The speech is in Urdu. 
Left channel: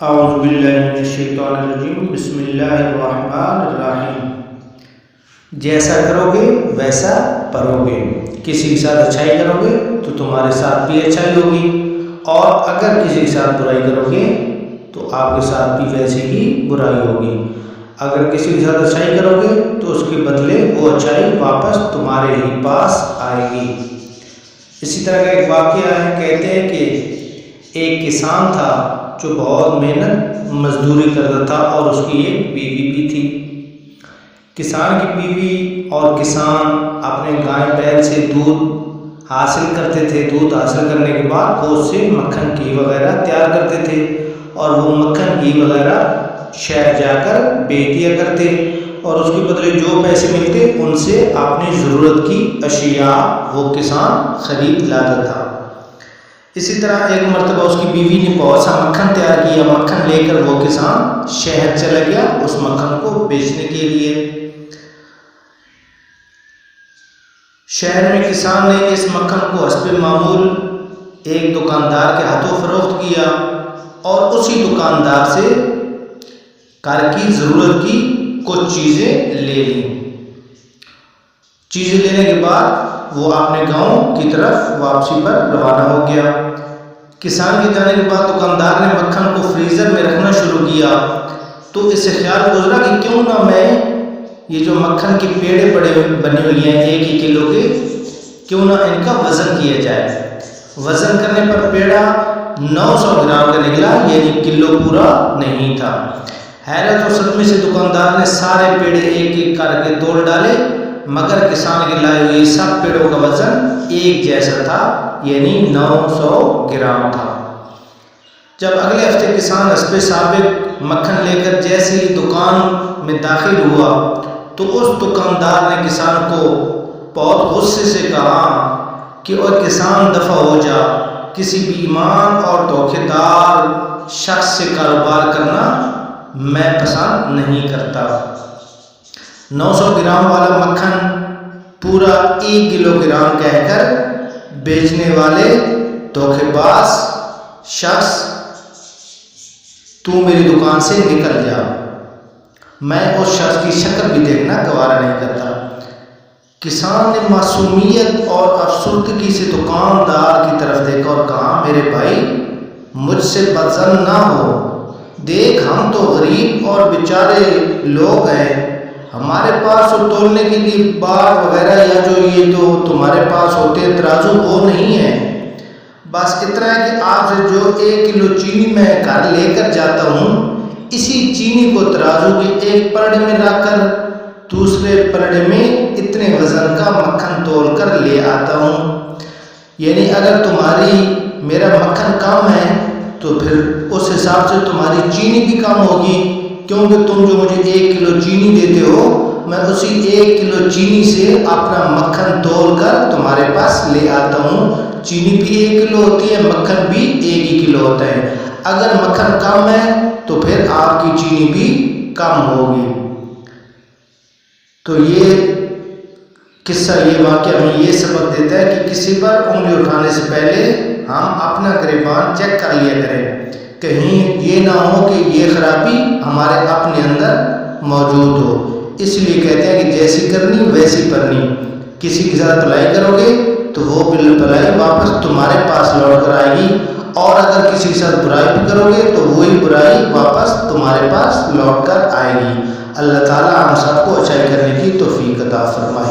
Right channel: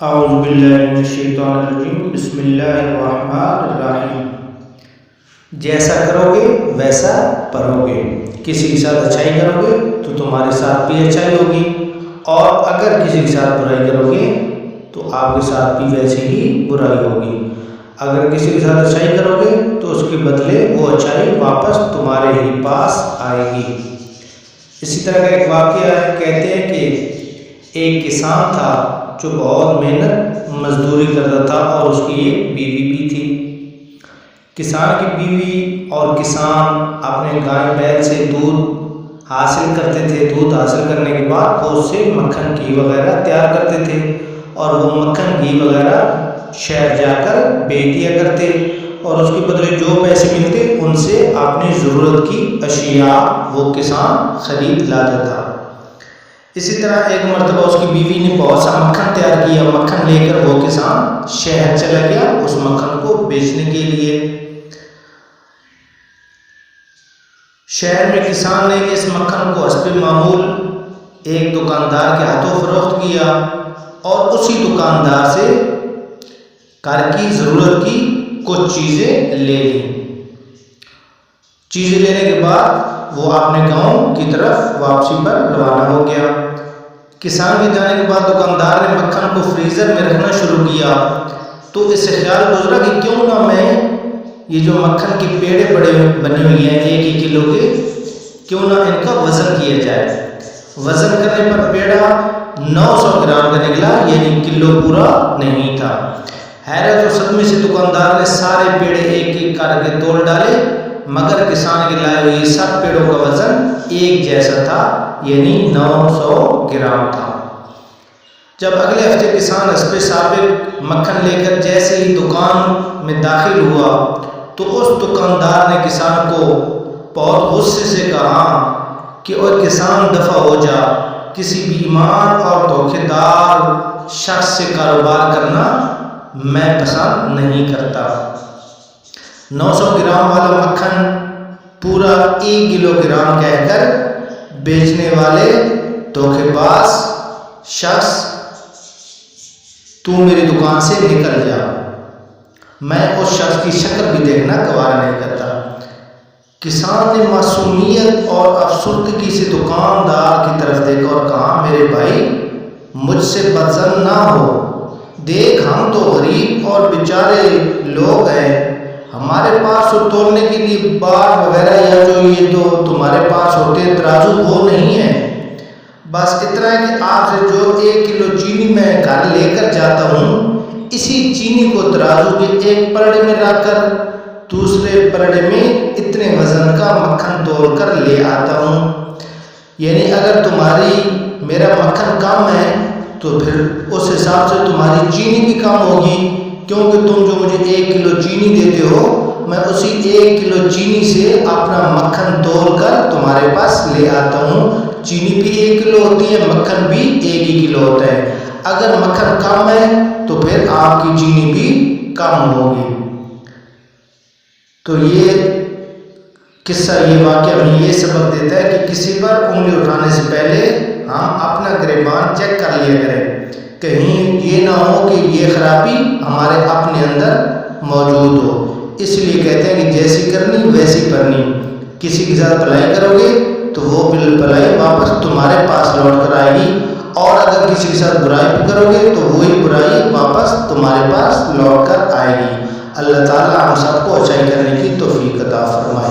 اعوذ باللہ من الشیطان الرجیم، بسم اللہ الرحمن الرحیم۔ جیسا کرو گے ویسا پرو گے۔ کسی کے ساتھ اچھائی کرو گے تو تمہارے ساتھ بھی اچھائی ہوگی، اور اگر کسی کے ساتھ برائی کرو گے تو آپ کے ساتھ بھی ویسی ہی برائی ہوگی۔ اگر کسی کے ساتھ اچھائی کرو گے تو اس کے بدلے وہ اچھائی واپس تمہارے ہی پاس آئے گی۔ اسی طرح کا ایک واقعہ ہے، کہتے ہیں کہ ایک کسان تھا جو بہت محنت مزدوری کرتا تھا، اور اس کی ایک بیوی بھی تھی۔ کسان کی بیوی اور کسان اپنے گائے بیل سے دودھ حاصل کرتے تھے۔ دودھ حاصل کرنے کے بعد وہ اس سے مکھن گھی وغیرہ تیار کرتے تھے، اور وہ مکھن گھی وغیرہ شہر جا کر بیچ دیا کرتے، اور اس کے بدلے جو پیسے ملتے ان سے اپنی ضرورت کی اشیاء وہ کسان خرید لاتا تھا۔ اسی طرح ایک مرتبہ اس کی بیوی نے بہت سا مکھن تیار کیا۔ مکھن لے کر وہ کسان شہر چلا گیا اس مکھن کو بیچنے کے لیے۔ شہر میں کسان نے اس مکھن کو حسب معمول ایک دکاندار کے ہاتھوں فروخت کیا، اور اسی دکاندار سے گھر کی ضرورت کی کچھ چیزیں لے لیں۔ چیزیں لینے کے بعد وہ اپنے گاؤں کی طرف واپسی پر روانہ ہو گیا۔ کسان کے جانے کے بعد دکاندار نے مکھن کو فریزر میں رکھنا شروع کیا، تو اس سے خیال گزرا کہ کیوں نہ میں یہ جو مکھن کے پیڑے بنے ہوئی ہیں 1 کلو کے، کیوں نہ ان کا وزن کیا جائے۔ وزن کرنے پر پیڑا 900 گرام کا نکلا، یعنی کلو پورا نہیں تھا۔ حیرت و صدمے سے دکاندار نے سارے پیڑے ایک ایک کر کے تول ڈالے، مگر کسان کے لائے ہوئے سب پیڑوں کا وزن ایک جیسا تھا، یعنی 900 گرام تھا۔ جب اگلے ہفتے کسان حسب سابق مکھن لے کر جیسے ہی دکان میں داخل ہوا، تو اس دکاندار نے کسان کو بہت غصے سے کہا کہ اور کسان دفع ہو جا، کسی بے ایمان اور دھوکے دار شخص سے کاروبار کرنا میں پسند نہیں کرتا۔ 900 گرام والا مکھن پورا 1 کلو گرام کہہ کر بیچنے والے دھوکے باز شخص، تو میری دکان سے نکل جا۔ میں اس شخص کی شکل بھی دیکھنا گوارا نہیں کرتا۔ کسان نے معصومیت اور افسردگی سے دکاندار کی طرف دیکھا اور کہا، میرے بھائی مجھ سے بدظن نہ ہو، دیکھ ہم تو غریب اور بیچارے لوگ ہیں، ہمارے پاس تو تولنے کے لیے باڑ وغیرہ یا جو یہ تو تمہارے پاس ہوتے ہیں ترازو وہ نہیں ہے۔ بس اتنا ہے کہ آپ سے جو 1 کلو چینی میں گھر لے کر جاتا ہوں، اسی چینی کو ترازو کے ایک پلڑے میں رکھ کر دوسرے پلڑے میں اتنے وزن کا مکھن تول کر لے آتا ہوں۔ یعنی اگر تمہاری میرا مکھن کم ہے تو پھر اس حساب سے تمہاری چینی بھی کم ہوگی، کیونکہ تم جو مجھے 1 کلو چینی دیتے ہو، میں اسی 1 کلو چینی سے اپنا مکھن تول کر تمہارے پاس لے آتا ہوں۔ چینی بھی 1 کلو ہوتی ہے، مکھن بھی 1 ہی کلو ہوتا ہے۔ اگر مکھن کم ہے تو پھر آپ کی چینی بھی کم ہوگی۔ تو یہ قصہ، یہ واقعہ ہمیں یہ سبق دیتا ہے کہ کسی پر انگلی اٹھانے سے پہلے ہم اپنا گریبان چیک کر لیا کریں، کہیں یہ نہ ہو کہ یہ خرابی ہمارے اپنے اندر موجود ہو۔ اس لیے کہتے ہیں کہ جیسی کرنی ویسی پرنی۔ کسی کے ساتھ بھلائی کرو گے تو وہ بھلائی واپس تمہارے پاس لوٹ کر آئے گی، اور اگر کسی کے ساتھ برائی بھی کرو گے تو وہی برائی واپس تمہارے پاس لوٹ کر آئے گی۔ اللہ تعالی ہم سب کو اچھائی کرنے کی توفیق عطا فرمائے۔